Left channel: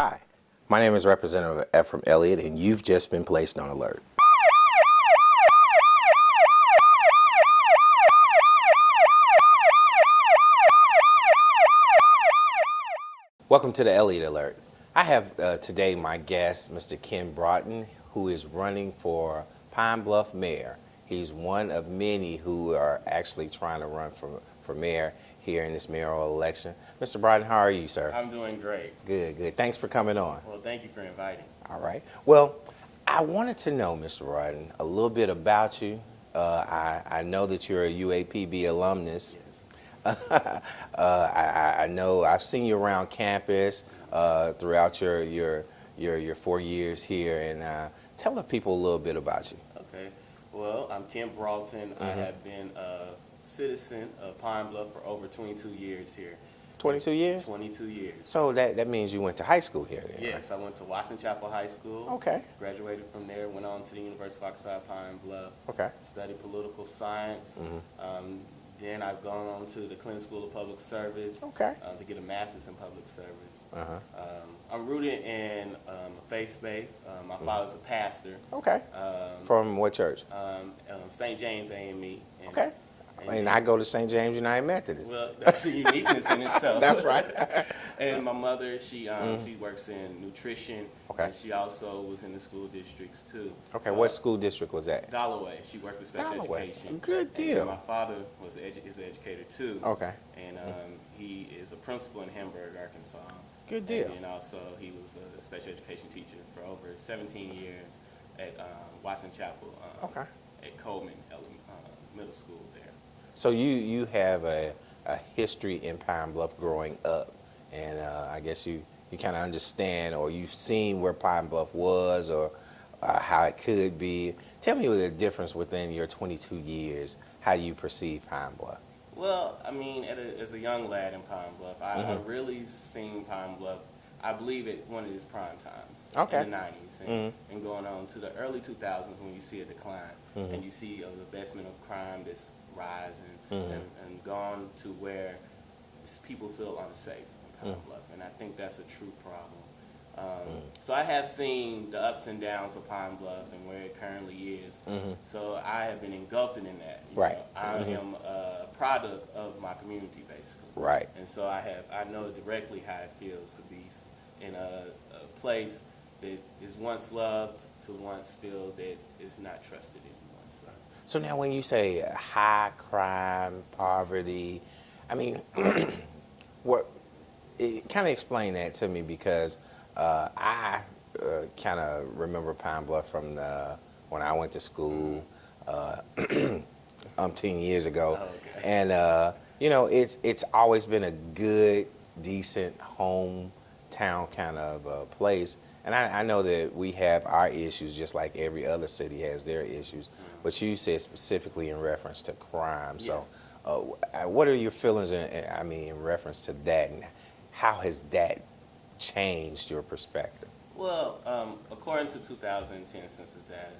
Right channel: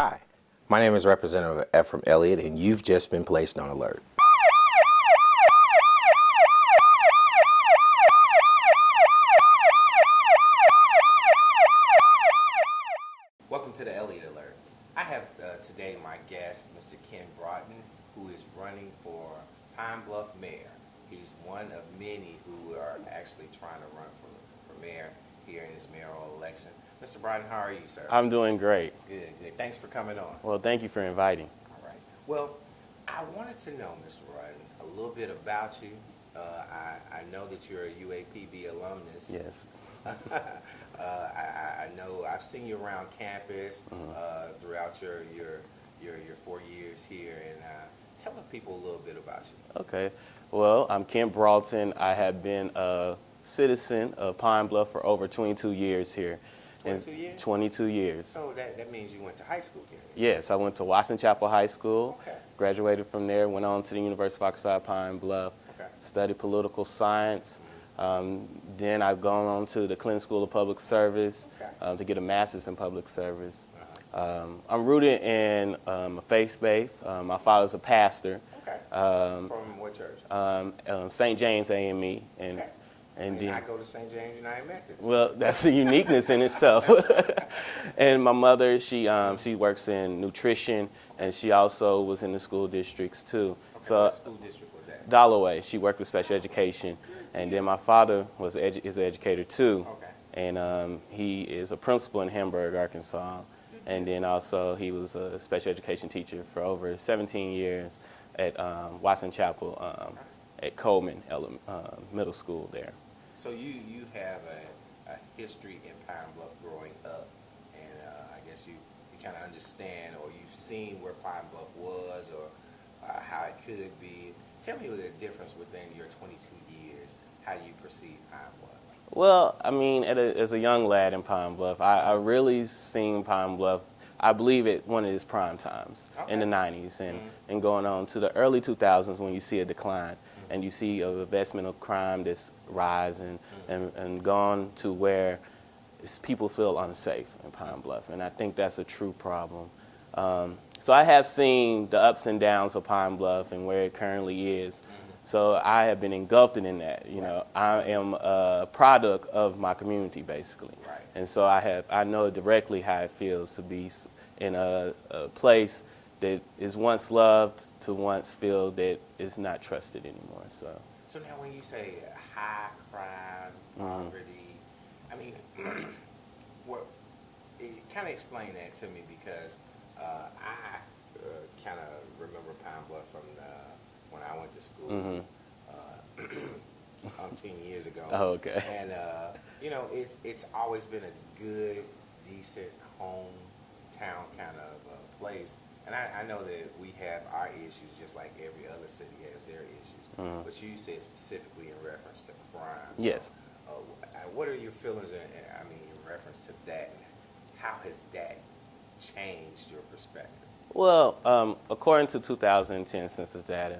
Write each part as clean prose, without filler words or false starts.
Hi, my name is Representative Ephraim Elliott, and you've just been placed on alert. Welcome to the Elliott Alert. I have today my guest, Mr. Ken Broughton, who is running for Pine Bluff mayor. He's one of many who are actually trying to run for mayor here in this mayoral election. Mr. Broughton, how are you, sir? I'm doing great. Good, good. Thanks for coming on. Well, thank you for inviting. All right. Well, I wanted to know, Mr. Broughton, a little bit about you. I know that you're a UAPB alumnus. Yes. I know I've seen you around campus throughout your 4 years here, and tell the people a little bit about you. Okay. Well, I'm Ken Broughton. I have been a citizen of Pine Bluff for over 22 years here. 22 years? 22 years. So that means you went to high school here? Then, yes, I went to Watson Chapel High School. Okay. Graduated from there, went on to the University of Arkansas Pine Bluff. Okay. Studied political science. Then I've gone on to the Clinton School of Public Service to get a master's in public service. I'm rooted in a faith base. My father's a pastor. Okay. From what church? St. James AME. And, okay. And I go to St. James United Methodist. Well, that's a uniqueness in itself. That's right. And my mother, she works in nutrition, and she also was in the school districts too. Okay, so, what school district was that? Dollaway. She worked with special Dollaway. education. Good deal. And then my father is an educator too. Okay. And he is a principal in Hamburg, Arkansas. Good deal. And then also he was a special education teacher for over 17 years at Watson Chapel at Coleman Middle School there. So you have a history in Pine Bluff growing up, and I guess you kind of understand, or you've seen where Pine Bluff was, or how it could be. Tell me the difference within your 22 years, how you perceive Pine Bluff. Well, I mean, as a young lad in Pine Bluff, I really seen Pine Bluff, I believe, at one of its prime times in the 90s and going on to the early 2000s when you see a decline and you see an investment of crime that's rising and gone to where people feel unsafe in Pine Bluff. And I think that's a true problem. So I have seen the ups and downs of Pine Bluff and where it currently is. So I have been engulfed in that. You know, I am a product of my community, basically. Right. And so I know directly how it feels to be in a place that is once loved to once feel that is not trusted anymore. So now when you say high crime, poverty, I mean, kind of explain that to me, because I kind of remember Pine Bluff from when I went to school 10 years ago. Oh, okay. And you know, it's always been a good, decent hometown kind of place. And I know that we have our issues just like every other city has their issues. But you said specifically in reference to crime. Yes. So what are your feelings in reference to that, and how has that changed your perspective? Well, according to 2010 census data,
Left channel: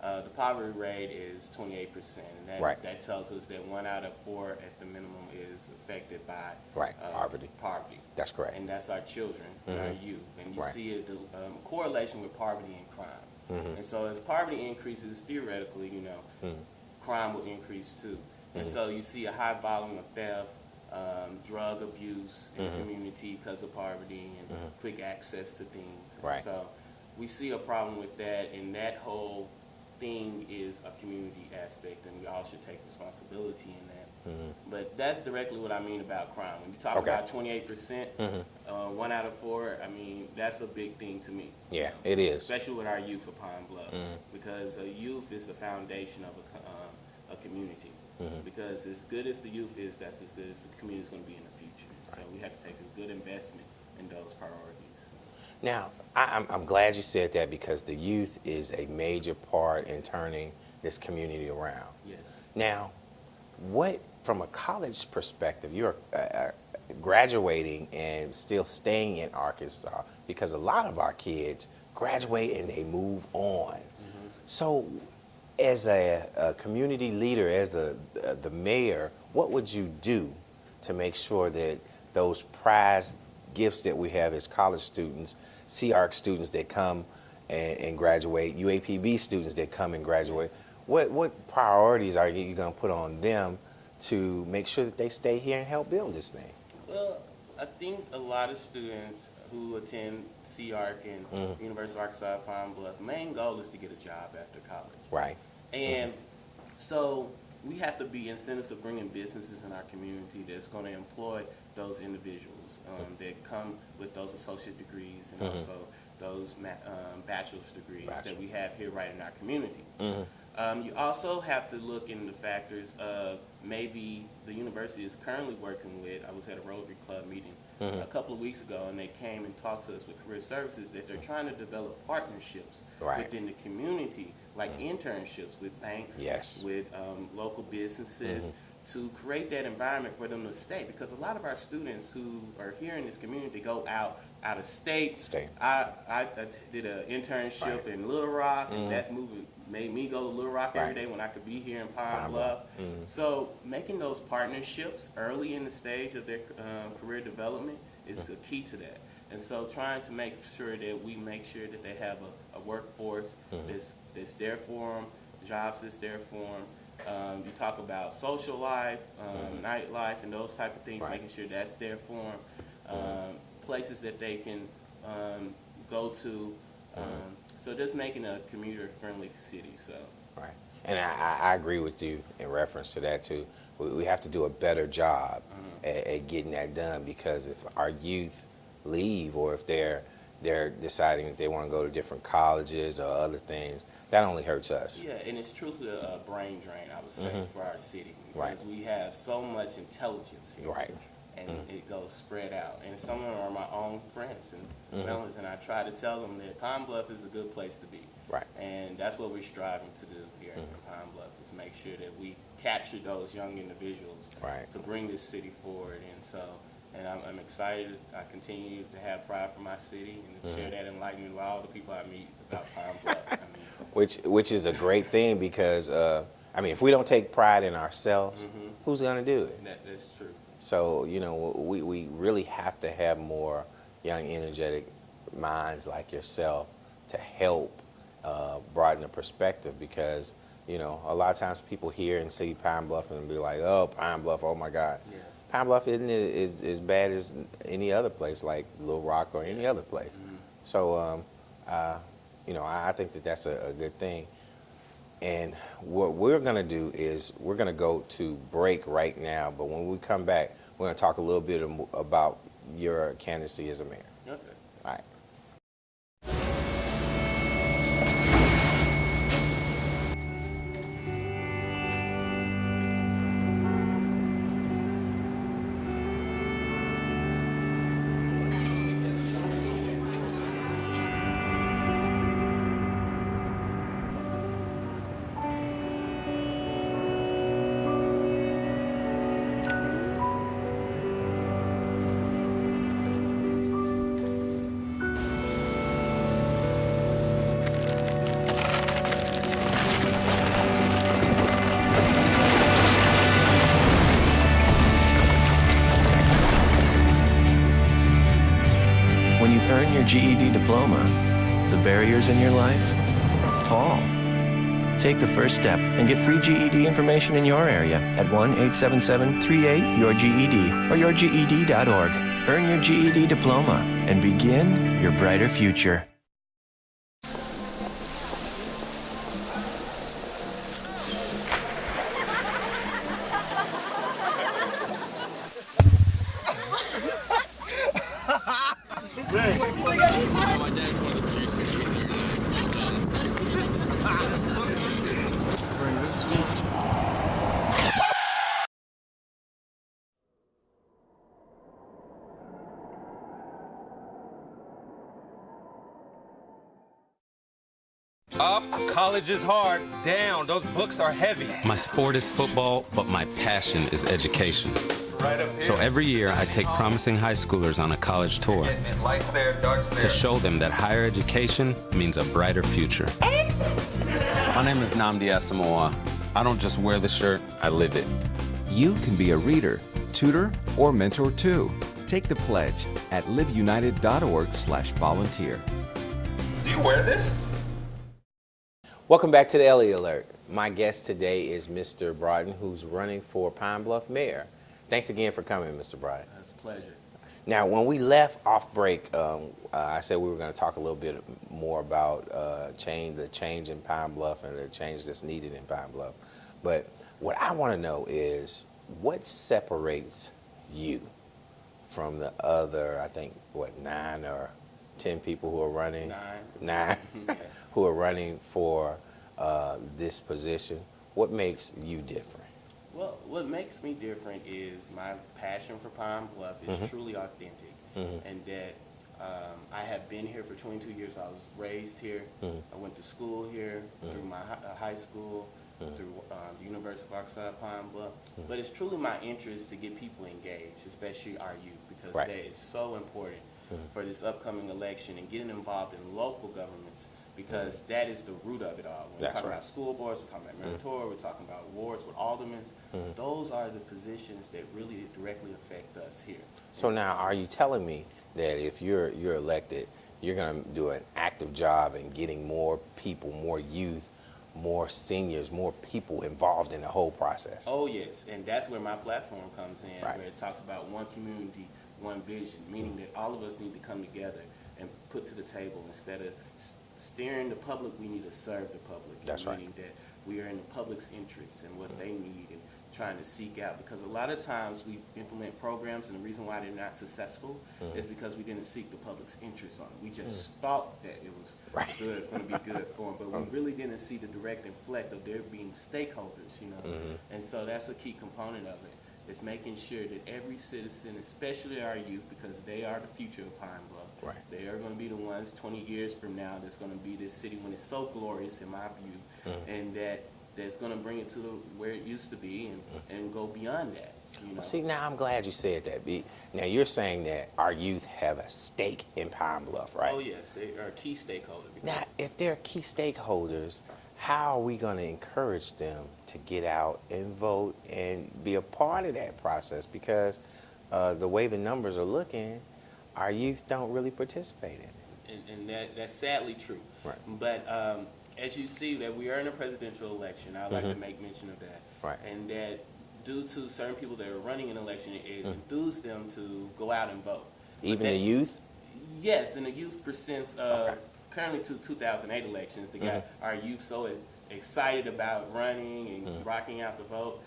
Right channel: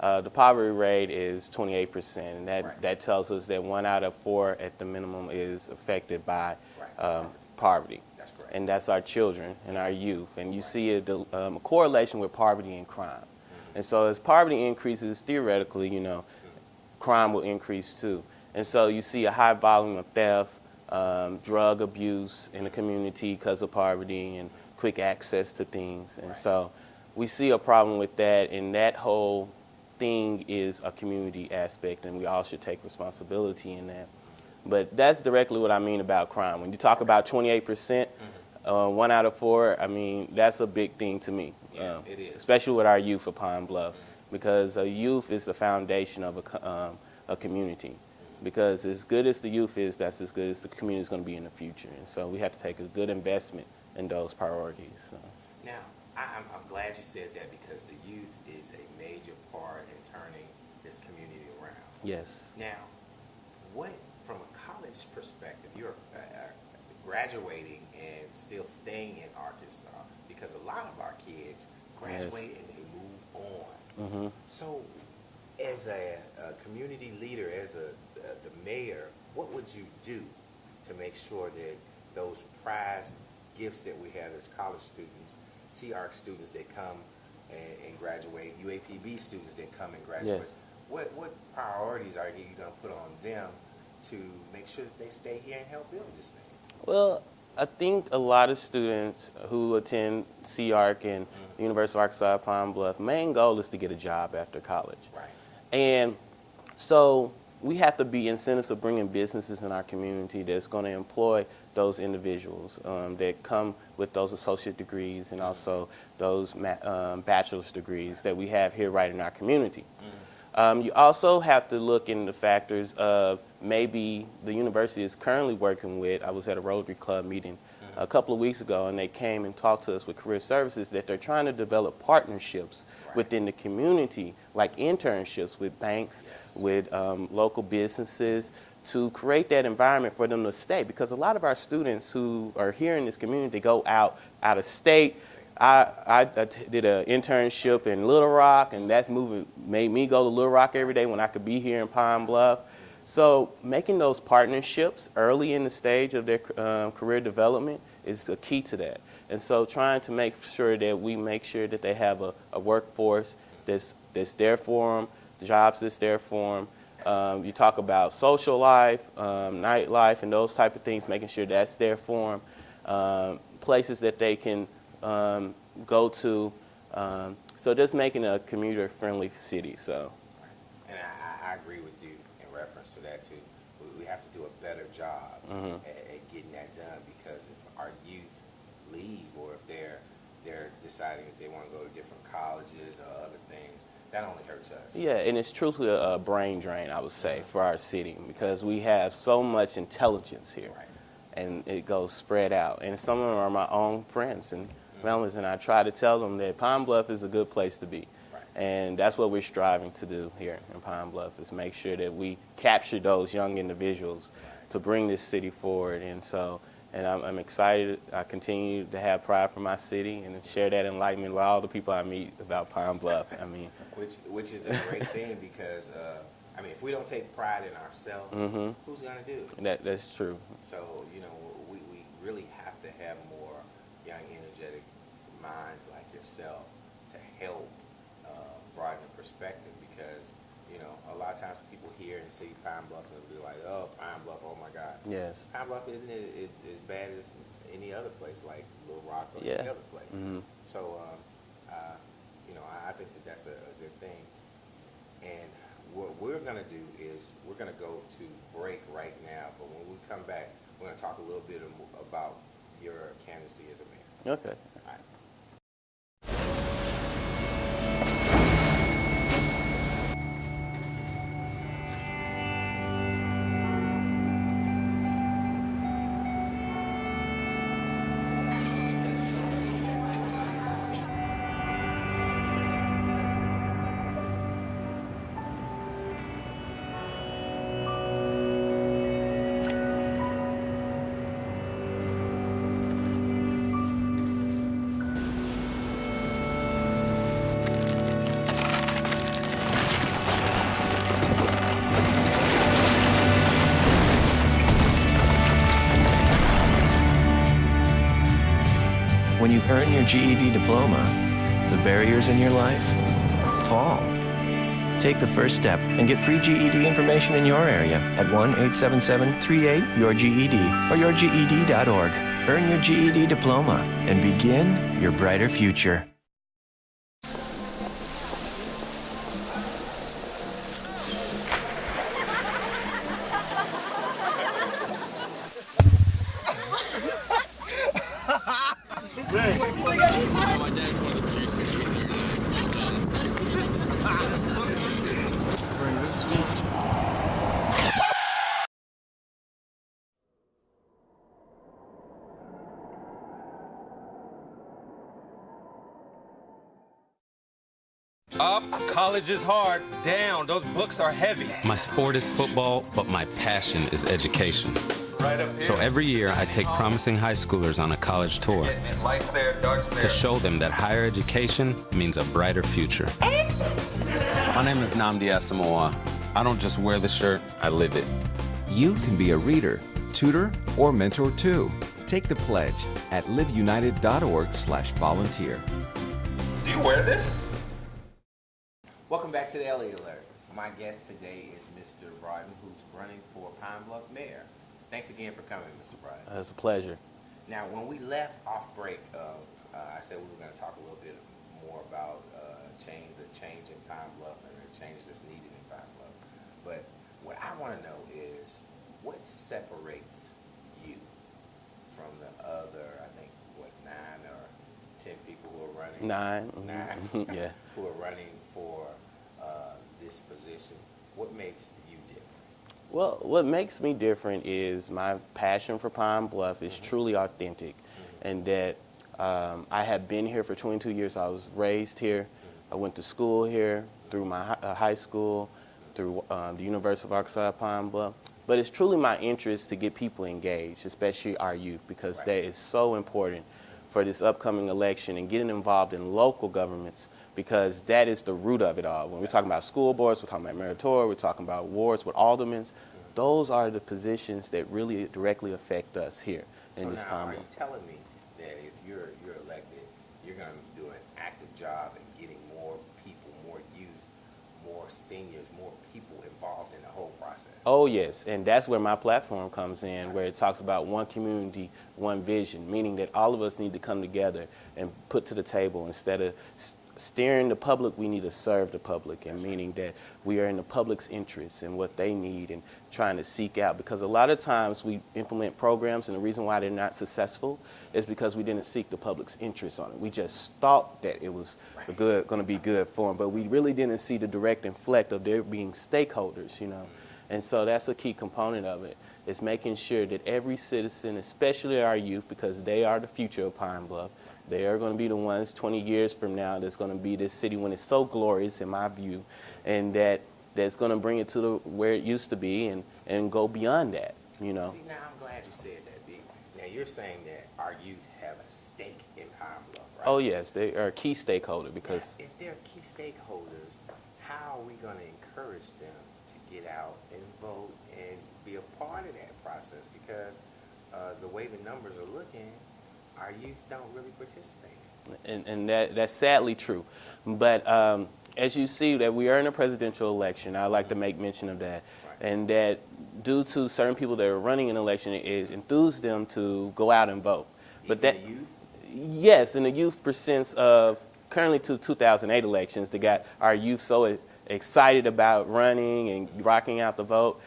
the poverty rate is 28%, and that tells us that 1 out of 4 at the minimum is affected by poverty. That's correct. And that's our children and our youth. And you see a correlation with poverty and crime. And so as poverty increases, theoretically, you know, crime will increase too. And so you see a high volume of theft, drug abuse in the community because of poverty and quick access to things. And so we see a problem with that, and that whole thing is a community aspect, and we all should take responsibility in that. But that's directly what I mean about crime. When you talk about 28%, 1 out of 4, I mean, that's a big thing to me. Yeah, it is. Especially with our youth of Pine Bluff, because youth is the foundation of a community. Because as good as the youth is, that's as good as the community is going to be in the future. And so we have to take a good investment in those priorities. So. Now, I'm glad you said that, because the youth is a major part in turning this community around. Yes. Now, from a college perspective, you're graduating and still staying in Arkansas, because a lot of our kids graduate and they move on. So as a community leader, as the mayor, what would you do to make sure that those prized gifts that we have as college students, CARC students that come and graduate, UAPB students that come and graduate. Yes. What priorities are you going to put on them to make sure that they stay here and help build this thing? Well, I think a lot of students who attend CARC and University of Arkansas at Pine Bluff, main goal is to get a job after college. Right. And so we have to be incentives of bringing businesses in our community that's going to employ those individuals that come with those associate degrees and also those bachelor's degrees that we have here right in our community. You also have to look in the factors of maybe the university is currently working with, I was at a Rotary Club meeting a couple of weeks ago, and they came and talked to us with Career Services that they're trying to develop partnerships within the community, like internships with banks, with local businesses, to create that environment for them to stay. Because a lot of our students who are here in this community go out of state. I did an internship in Little Rock, and that's made me go to Little Rock every day when I could be here in Pine Bluff. So making those partnerships early in the stage of their career development is the key to that. And so trying to make sure that we make sure that they have a workforce that's there for them, jobs that's there for them. You talk about social life, nightlife, and those type of things, making sure that's there for them. Places that they can go to. So just making a commuter-friendly city. So. Right. And I agree with you in reference to that, too. We have to do a better job at getting that done, because if our youth leave, or if they're deciding that they want to go to different colleges or other things, that only hurts us. Yeah, and it's truthfully a brain drain, I would say, for our city, because we have so much intelligence here. Right. And it goes spread out. And some of them are my own friends and families, and I try to tell them that Pine Bluff is a good place to be. Right. And that's what we're striving to do here in Pine Bluff, is make sure that we capture those young individuals to bring this city forward. And so, and I'm excited. I continue to have pride for my city and share that enlightenment with all the people I meet about Pine Bluff. I mean, which is a great thing, because I mean, if we don't take pride in ourselves, who's going to do it? That's true. So, you know, we really have to have more young, energetic minds like yourself to help broaden the perspective, because, you know, a lot of times people hear and see Pine Bluff and be like, oh, Pine Bluff, oh my God. Yes. Pine Bluff isn't as bad as any other place, like Little Rock or any other place. So, you know, I think that that's a good thing. And what we're going to do is we're going to go to break right now, but when we come back, we're going to talk a little bit about your candidacy as a mayor. Okay. All right. When you earn your GED diploma, the barriers in your life fall. Take the first step and get free GED information in your area at 1-877-38-YOUR-GED or yourged.org. Earn your GED diploma and begin your brighter future. Up, college is hard. Down, those books are heavy. My sport is football, but my passion is education. Right up here. So every year I take promising high schoolers on a college tour Lights there, darts there. to show them that higher education means a brighter future. My name is Nnamdi Asamoah. I don't just wear the shirt, I live it. You can be a reader, tutor, or mentor too. Take the pledge at liveunited.org/volunteer. Do you wear this? Welcome back to the Elliott Alert. My guest today is Mr. Broughton, who's running for Pine Bluff mayor. Thanks again for coming, Mr. Broughton. It's a pleasure. Now, when we left off break, I said we were going to talk a little bit more about the change in Pine Bluff and the change that's needed in Pine Bluff. But what I want to know is what separates you from the other, I think, 9 or 10 people who are running? Nine. Yeah. Who are running for this position. What makes you different? Well, what makes me different is my passion for Pine Bluff is truly authentic, and that I have been here for 22 years. I was raised here. I went to school here through my high school, through the University of Arkansas Pine Bluff. But it's truly my interest to get people engaged, especially our youth, because that is so important for this upcoming election and getting involved in local governments, because that is the root of it all. When we're talking about school boards, we're talking about mayoral, we're talking about wards with aldermen. Those are the positions that really directly affect us here. So now, are you telling me that if you're elected, you're going to do an active job in getting more people, more youth, more seniors, more people involved in the whole process? Oh, yes, and that's where my platform comes in, where it talks about one community, one vision, meaning that all of us need to come together and put to the table. Instead of steering the public, we need to serve the public, and meaning that we are in the public's interest and what they need and trying to seek out. Because a lot of times we implement programs, and the reason why they're not successful is because we didn't seek the public's interest on it. We just thought that it was going to be good for them, but we really didn't see the direct effect of there being stakeholders, you know. And so that's a key component of it. Is making sure that every citizen, especially our youth, because they are the future of Pine Bluff, they are going to be the ones 20 years from now that's going to be this city when it's so glorious, in my view, and that's going to bring it to where it used to be and go beyond that, you know. See, now I'm glad you said that, B. Now you're saying that our youth have a stake in Pine Bluff, right? Oh, yes, they are a key stakeholder. Because now, if they're key stakeholders, how are we going to encourage them to get out and vote and be a part of that process? Because the way the numbers are looking, our youth don't really participate in it. And that's sadly true. But as you see that we are in a presidential election, I'd like to make mention of that. And that due to certain people that are running an election, it enthused them to go out and vote. Even the youth? Yes, and the youth percents of currently to 2008 elections that got our youth so excited about running and rocking out the vote,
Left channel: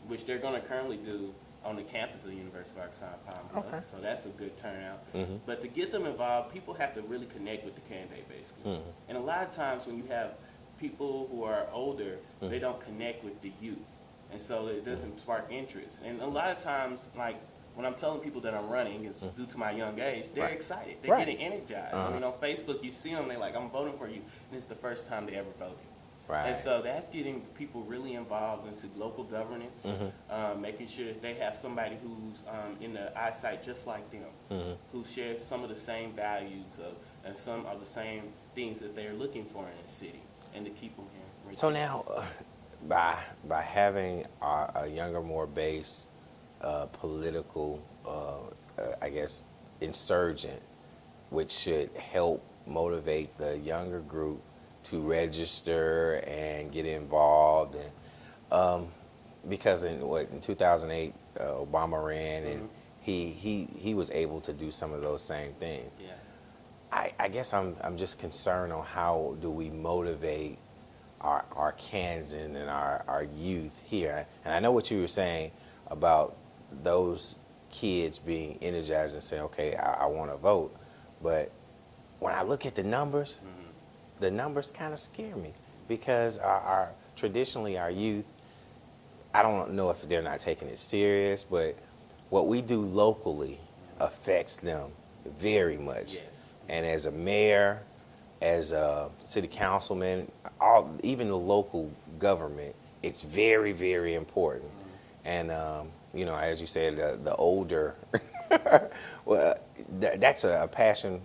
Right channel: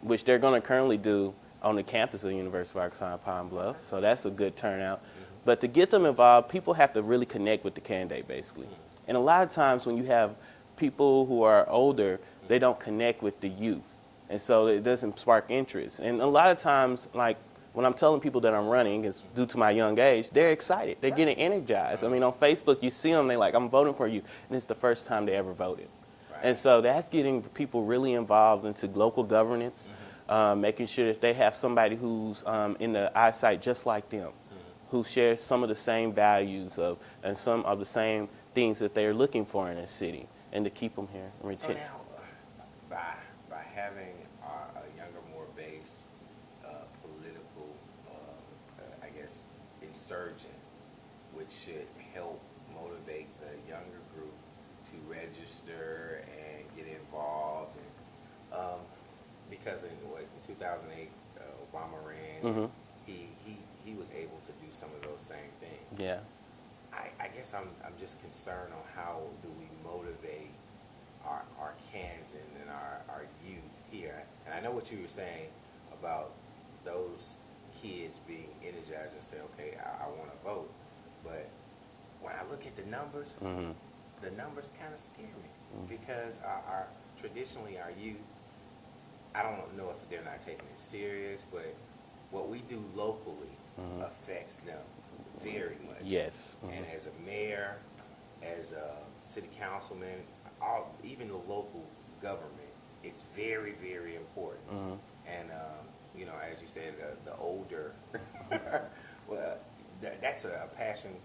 which they're going to currently do on the campus of the University of Arkansas Pine Bluff. So that's a good turnout. But to get them involved, people have to really connect with the candidate, basically. And a lot of times when you have people who are older, they don't connect with the youth. And so it doesn't spark interest. And a lot of times, like, when I'm telling people that I'm running, it's due to my young age, they're excited. They're getting energized. I mean, on Facebook, you see them, they're like, I'm voting for you. And it's the first time they ever voted. And so that's getting people really involved into local governance, making sure that they have somebody who's in the eyesight just like them, who shares some of the same values and some of the same things that they're looking for in a city, and to keep them here. So now, by having a younger, more base political, I guess, insurgent, which should help motivate the younger group to register and get involved, and because in 2008 Obama ran, and he was able to do some of those same things. I guess I'm just concerned on how do we motivate our Kansan and our youth here. And I know what you were saying about those kids being energized and saying, okay, I want to vote. But when I look at the numbers, the numbers kind of scare me, because traditionally our youth, I don't know if they're not taking it serious, but what we do locally affects them very much. And as a mayor, as a city councilman, even the local government, it's very, very important. And you know, as you said, the older, well, that's a passion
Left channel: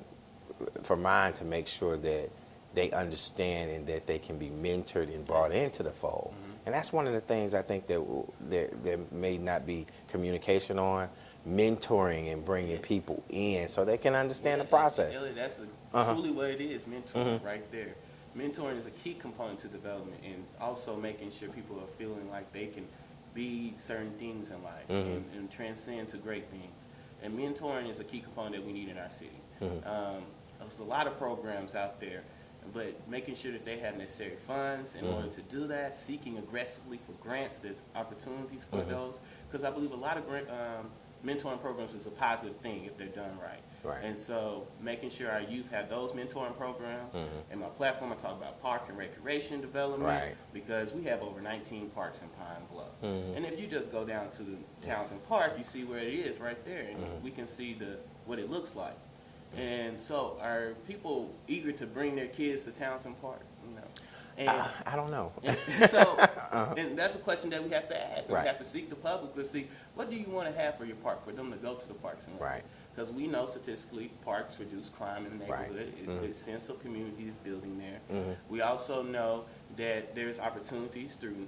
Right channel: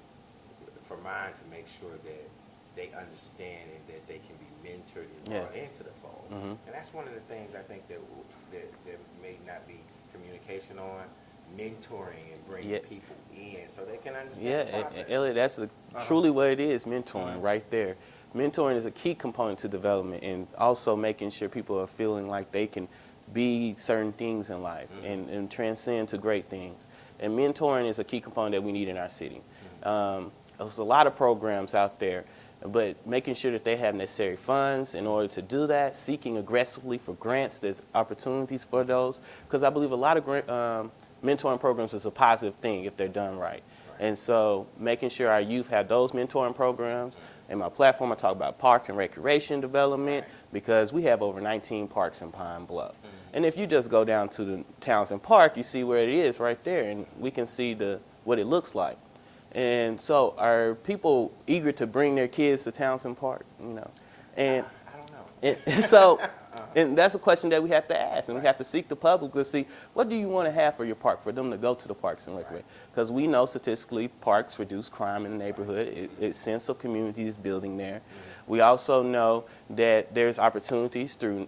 for mine, to make sure that they understand and that they can be mentored and brought into the fold. And that's one of the things I think that there may not be communication on, mentoring and bringing people in so they can understand the process. Elliott, that's truly what it is, mentoring right there. Mentoring is a key component to development, and also making sure people are feeling like they can be certain things in life and transcend to great things. And mentoring is a key component that we need in our city. There's a lot of programs out there, but making sure that they have necessary funds in order to do that, seeking aggressively for grants, there's opportunities for those, because I believe a lot of mentoring programs is a positive thing if they're done right. And so making sure our youth have those mentoring programs. In my platform, I talk about park and recreation development, because we have over 19 parks in Pine Bluff. And if you just go down to the Townsend Park, you see where it is right there, and we can see what it looks like. And so are people eager to bring their kids to Townsend Park, you know? And I don't know. And that's a question that we have to ask, and we have to seek the public to see, what do you want to have for your park, for them to go to the parks and recreate? Because we know statistically parks reduce crime in the neighborhood. Its sense of community is building there. We also know that there's opportunities through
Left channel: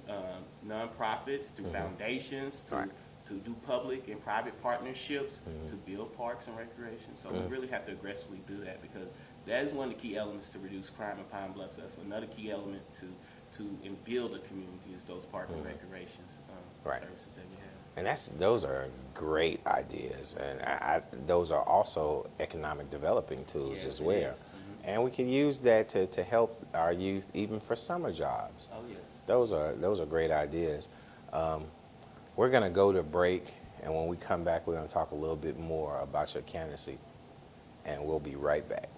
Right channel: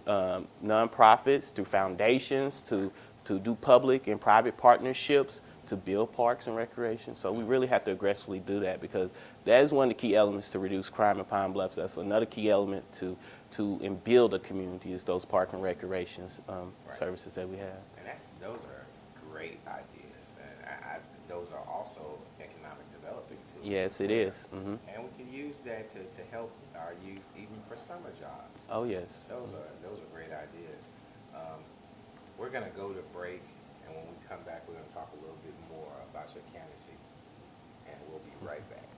nonprofits, through foundations, to do public and private partnerships to build parks and recreation. So we really have to aggressively do that, because that is one of the key elements to reduce crime in Pine Bluff. That's another key element to and build a community, is those park and recreations services that we have. And those are great ideas, and those are also economic developing tools as well. Yes, it is. And we can use that to help our youth even for summer jobs. Oh yes. Those are great ideas. We're going to go to break, and when we come back, we're going to talk a little bit more about your candidacy, and we'll be right back.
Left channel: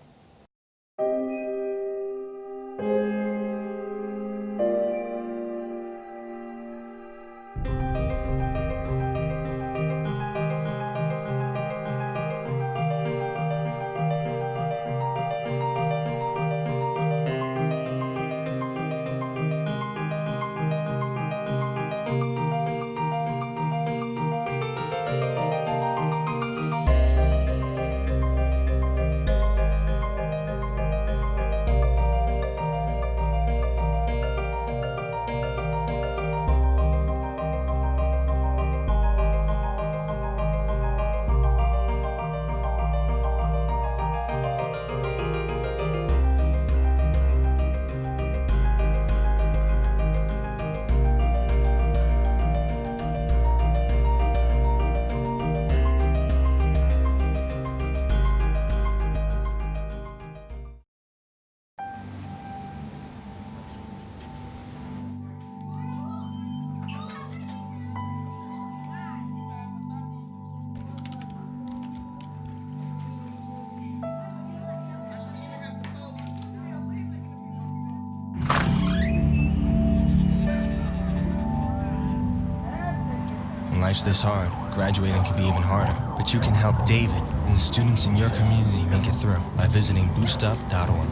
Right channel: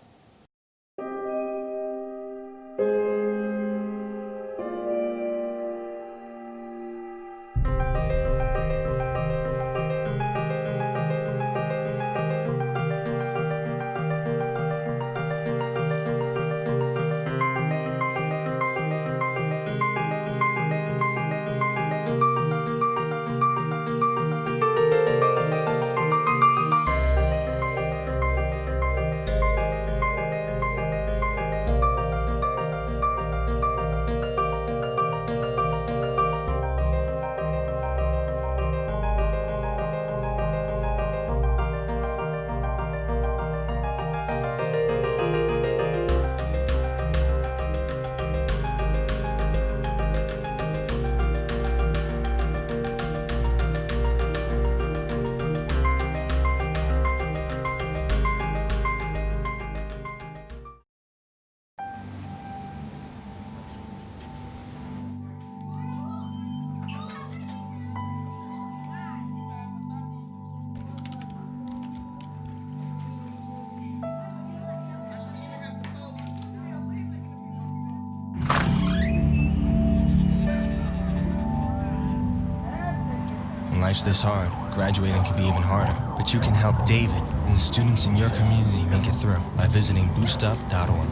When life's this hard, graduating can be even harder. But you can help David and the students in your community make it through by visiting boostup.org.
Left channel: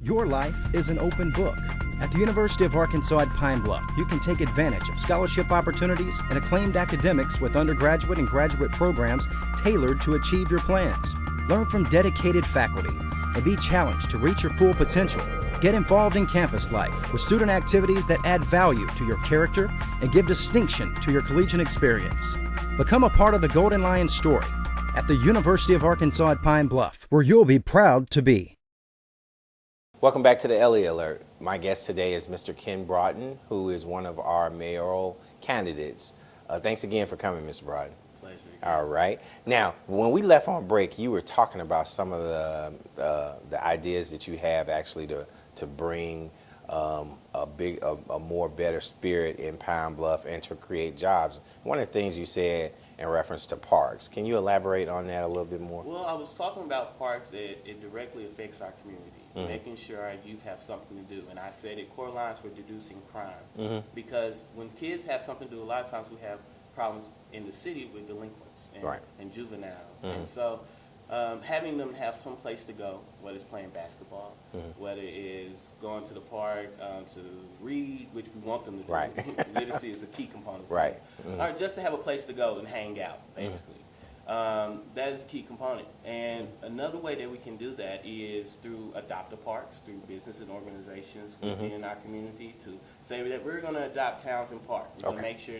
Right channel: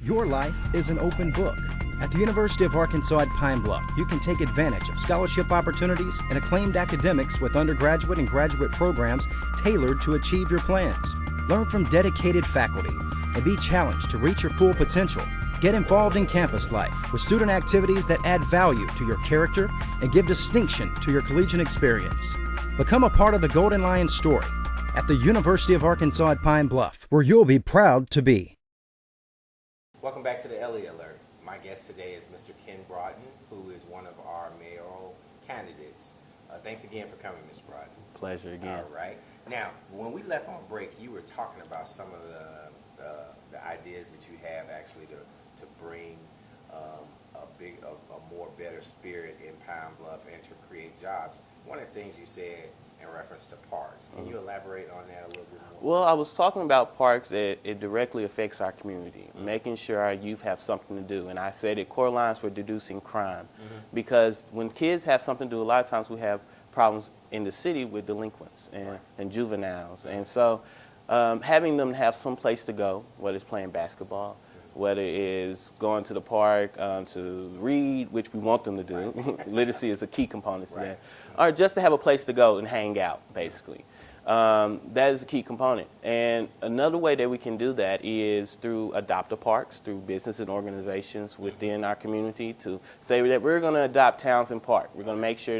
Your life is an open book. At the University of Arkansas at Pine Bluff, you can take advantage of scholarship opportunities and acclaimed academics with undergraduate and graduate programs tailored to achieve your plans. Learn from dedicated faculty and be challenged to reach your full potential. Get involved in campus life with student activities that add value to your character and give distinction to your collegiate experience. Become a part of the Golden Lion story at the University of Arkansas at Pine Bluff, where you'll be proud to be. Welcome back to the Elliott Alert. My guest today is Mr. Ken Broughton, who is one of our mayoral candidates. Thanks again for coming, Mr. Broughton. Pleasure again. All right. Now, when we left on break, you were talking about some of the ideas that you have actually to bring a more better spirit in Pine Bluff and to create jobs. One of the things you said in reference to parks. Can you elaborate on that a little bit more? Well, I was talking about parks that it directly affects our community, making sure our youth have something to do. And I said it correlates with reducing crime, because when kids have something to do, a lot of times we have problems in the city with delinquents and juveniles. And so having them have some place to go, whether it's playing basketball, whether it is going to the park to read, which we want them to do. Literacy is a key component to that. Or just to have a place to go and hang out, basically. That is a key component. And another way that we can do that is through adopt parks, through business and organizations within our community to say that we're going to adopt Townsend Park. We're going to make sure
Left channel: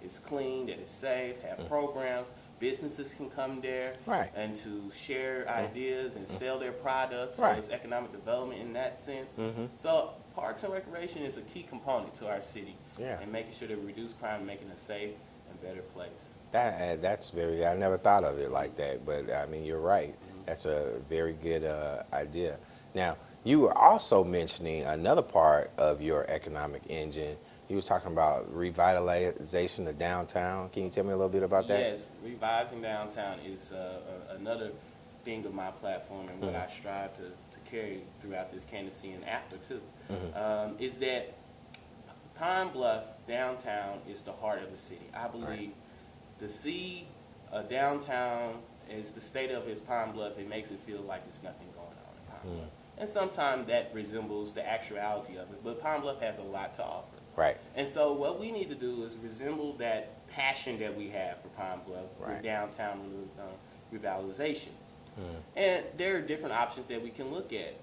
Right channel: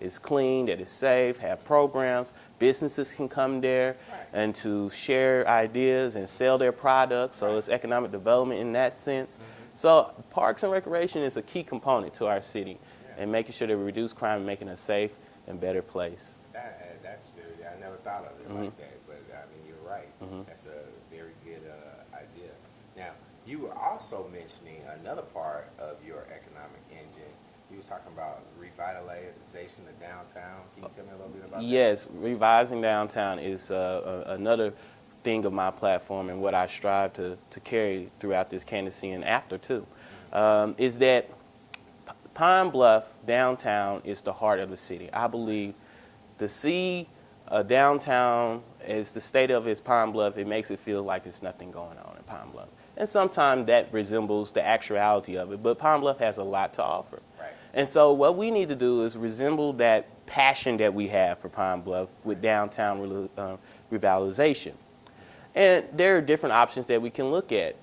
is clean, that it's safe, have programs. Businesses can come there Right. and to share ideas and sell their products. So Right. it's economic development in that sense. So parks and recreation is a key component to our city, Yeah. and making sure that we reduce crime and making it a safe and better place. That's very. I never thought of it like that, but I mean, you're right. That's a very good idea. Now, you were also mentioning another part of your economic engine. You were talking about revitalization of downtown. Can you tell me a little bit about that? Yes, revising downtown is another thing of my platform and what I strive to carry throughout this candidacy and after too, is that Pine Bluff downtown is the heart of the city. I believe to see a downtown as the state of its Pine Bluff, it makes it feel like there's nothing going on in Pine Bluff. And sometimes that resembles the actuality of it, but Pine Bluff has a lot to offer. Right. And so what we need to do is resemble that passion that we have for Pine Bluff with downtown revitalization. And there are different options that we can look at.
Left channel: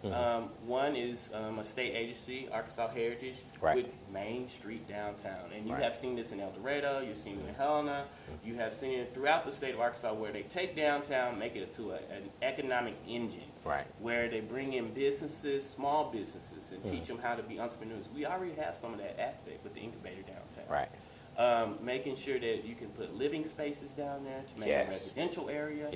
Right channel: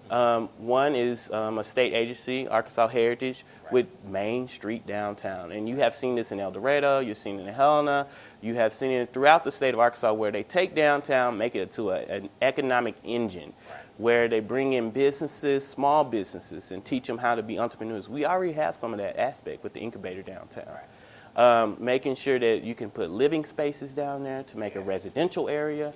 One is a state agency, Arkansas Heritage, with Main Street downtown. And you have seen this in El Dorado, you've seen it in Helena, you have seen it throughout the state of Arkansas where they take downtown, make it to an economic engine, where they bring in businesses, small businesses, and teach them how to be entrepreneurs. We already have some of that aspect with the incubator downtown. Making sure that you can put living spaces down there to make a residential area.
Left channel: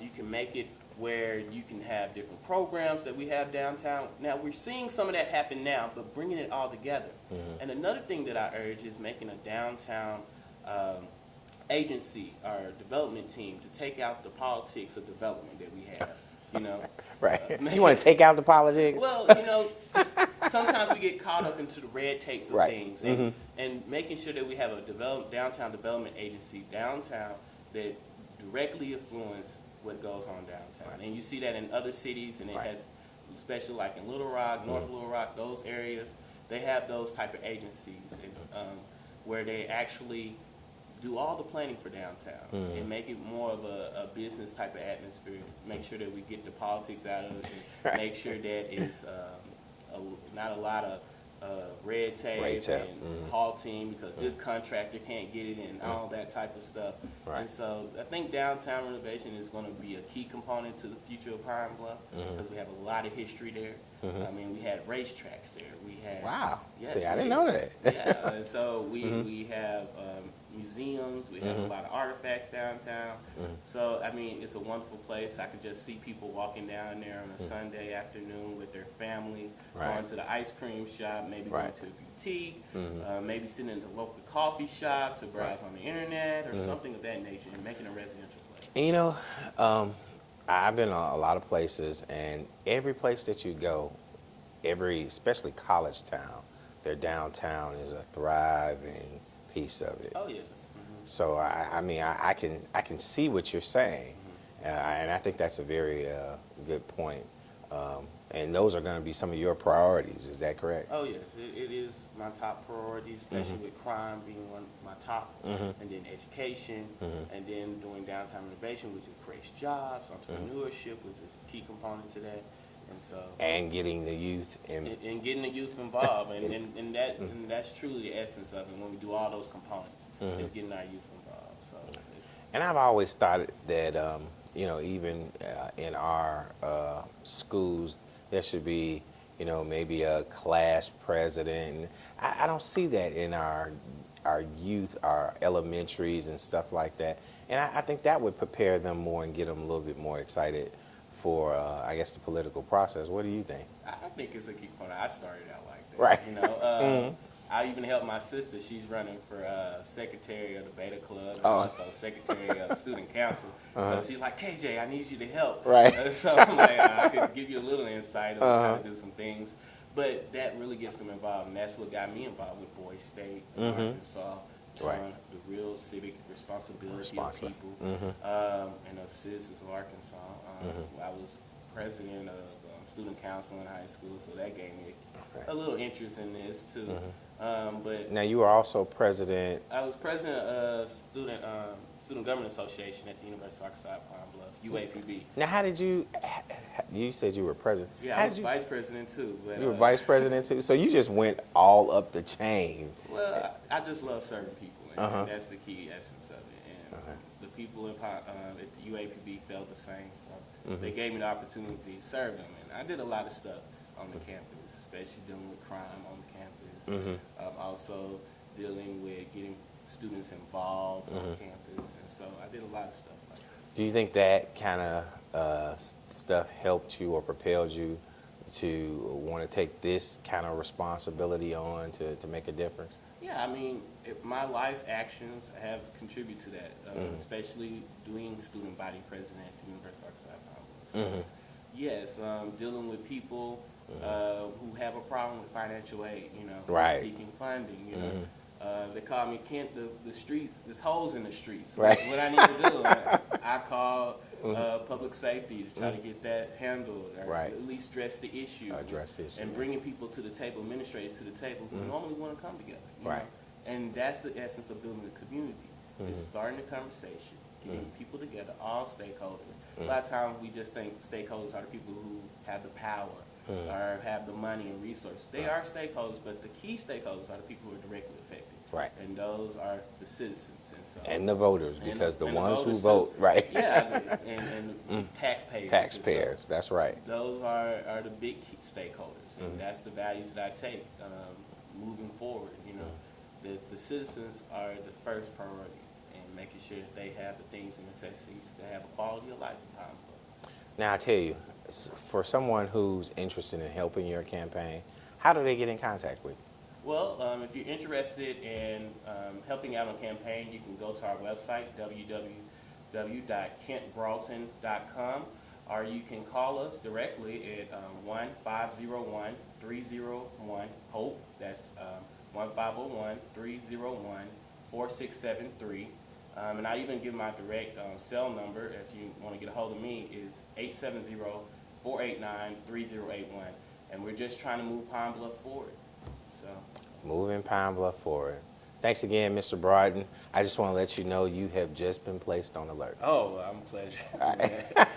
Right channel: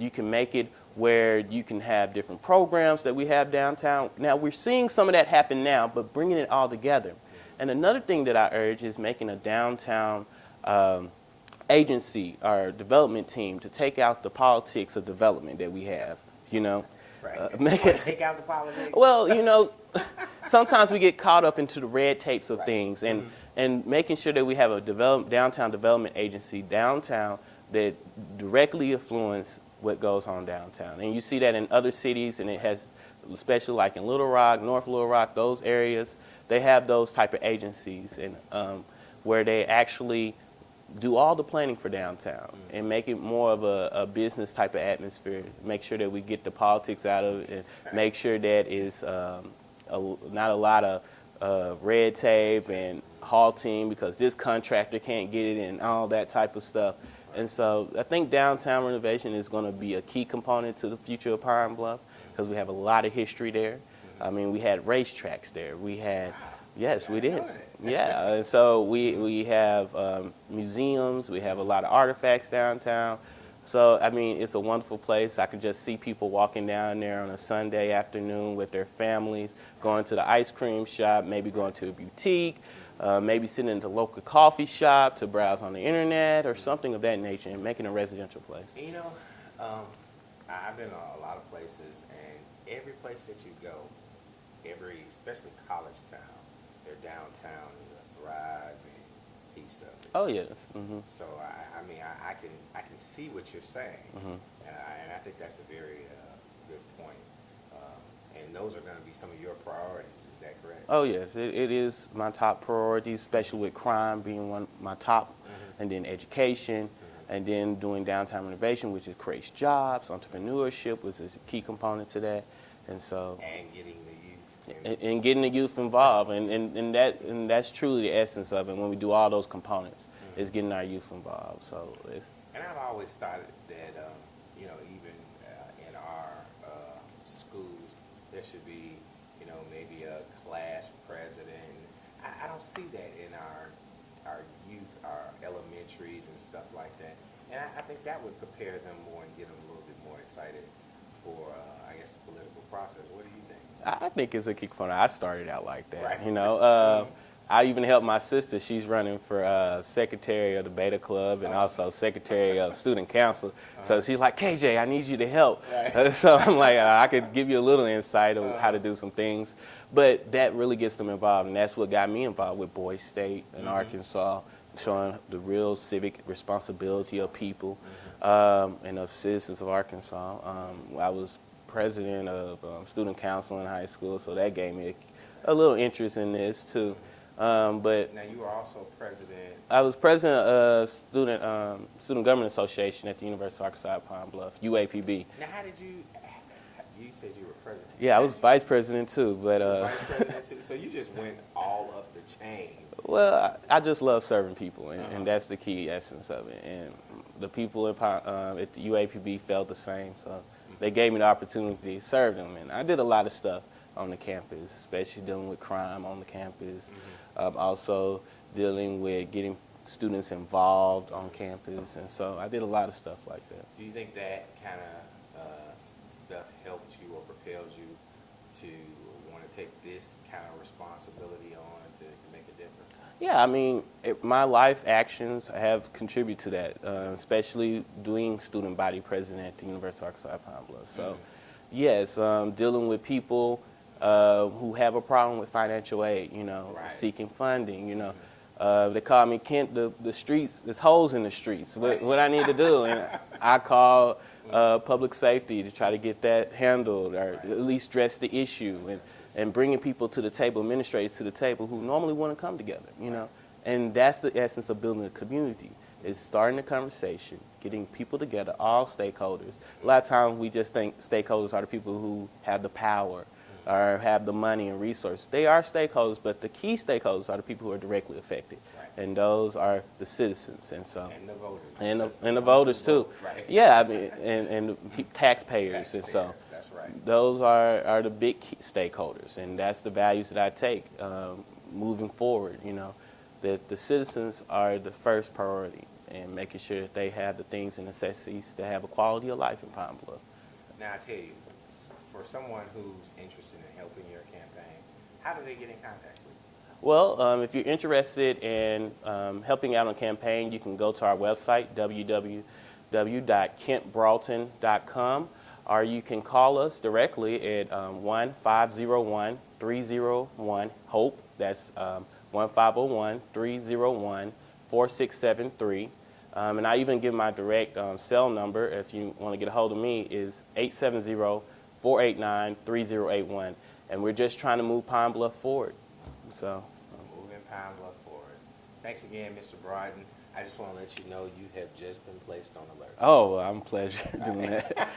You can make it where you can have different programs that we have downtown. Now, we're seeing some of that happen now, but bringing it all together. And another thing that I urge is making a downtown agency or development team to take out the politics of development that we have, you know. You want to take out the politics? Well, you know, sometimes we get caught up into the red tapes of things, and making sure that we have a downtown development agency downtown that directly influence what goes on downtown. And you see that in other cities, and it has, especially like in Little Rock, North Little Rock, those areas, they have those type of agencies, and where they actually do all the planning for downtown and make it more of a business type of atmosphere. Make sure that we get the politics out of it, and make sure that it's not a lot of red tape and halting because this contractor can't get it and all that type of stuff. And so I think downtown renovation is going to be a key component to the future of Pine Bluff because we have a lot of history there. I mean, we had racetracks there. We had yes, See, I we didn't did. know that. Yeah, and so we have museums. We have a lot of artifacts downtown. So I mean, it's a wonderful place. I can just see people walking down there on a Sunday afternoon with their families, going to the ice cream shop, maybe going to a boutique, maybe sitting in the local coffee shop to browse on the internet or something of that nature, and making a residential place. And, you know, I've been a lot of places, and every place that you go, especially college town, their downtown is a thriving piece of it. Oh yes. So I mean, I can see what you're saying, and I think that's a very good point. And those are going to be some of your priorities. Is that correct? Oh yes, it is my top priority, especially with crime being one of my top, and then education, and then doing downtown renovation, which creates jobs, entrepreneurship, which is a key component to that, and so and getting the youth and getting the youth involved, and that's truly the essence of it. When we do all those components, is getting our youth involved. So, and I've always thought that you know, even in our schools, there should be, you know, maybe a class president. I don't see that in our youth, our elementaries and stuff like that. And I think that would prepare them more and get them a little bit more excited for, I guess, the political process. What do you think? I think it's a kick fun. I started out like that. You know, I even helped my sister. She's running for secretary of the Beta Club and also secretary of student council. So she's like, KJ, I need you to help. So I'm like, I could give you a little insight on how to do some things. But that really gets them involved, and that's what got me involved with Boys State in Arkansas, showing the real civic responsibility of people and of citizens of Arkansas. I was president of student council in high school, so that gave me a little interest in this too. But now you are also president. I was president of Student Government Association at the University of Arkansas Pine Bluff, UAPB. Now, how did you You said you were president. Yeah, I was vice president too. But You were vice president too. So you just went all up the chain. well, I just love serving people, and that's the key essence of it. And the people at the UAPB felt the same, so they gave me the opportunity to serve them. And I did a lot of stuff on the campus, especially dealing with crime on the campus. Also dealing with getting students involved on campus, and so I did a lot of stuff like that. Do you think that kind of stuff helped you or propelled you to want to take this kind of responsibility on to make a difference? Yeah, I mean, my life actions have contributed to that, especially doing student body president at the University of Arkansas at Pine Bluff. So, yes, dealing with people who have a problem with financial aid, seeking funding, they call me Kent, the streets, there's holes in the streets. Right. What I need to do, and I call public safety to try to get that handled, or at least address the issue, and bringing people to the table, administrators to the table who normally want to come together, you know. And that's the essence of building a community, is starting a conversation, getting people together, all stakeholders. A lot of times we just think stakeholders are the people who have the power or have the money and resources. They are stakeholders, but the key stakeholders are the people who are directly affected. Right. And those are the citizens, and the voters, and because the ones voters who vote, too. right? Yeah, I mean, and the taxpayers. Taxpayers, And so that's right. those are the big key stakeholders, and that's the values that I take moving forward. That the citizens are the first priority, and making sure that they have the things and necessities to have a quality of life in Pine Bluff. Now, I tell you, for someone who's interested in helping your campaign, how do they get in contact with you? Well, if you're interested in helping out on campaign, you can go to our website, www.kentbroughton.com, or you can call us directly at 1-501-301-HOPE. That's 1-501-301-4673. And I even give my direct cell number, if you want to get a hold of me, is 870-489-3081. And we're just trying to move Pine Bluff forward. So, moving Pine Bluff forward. Thanks again, Mr. Broughton. I just want to let you know you have just been placed on alert. oh, I'm pleasure doing that.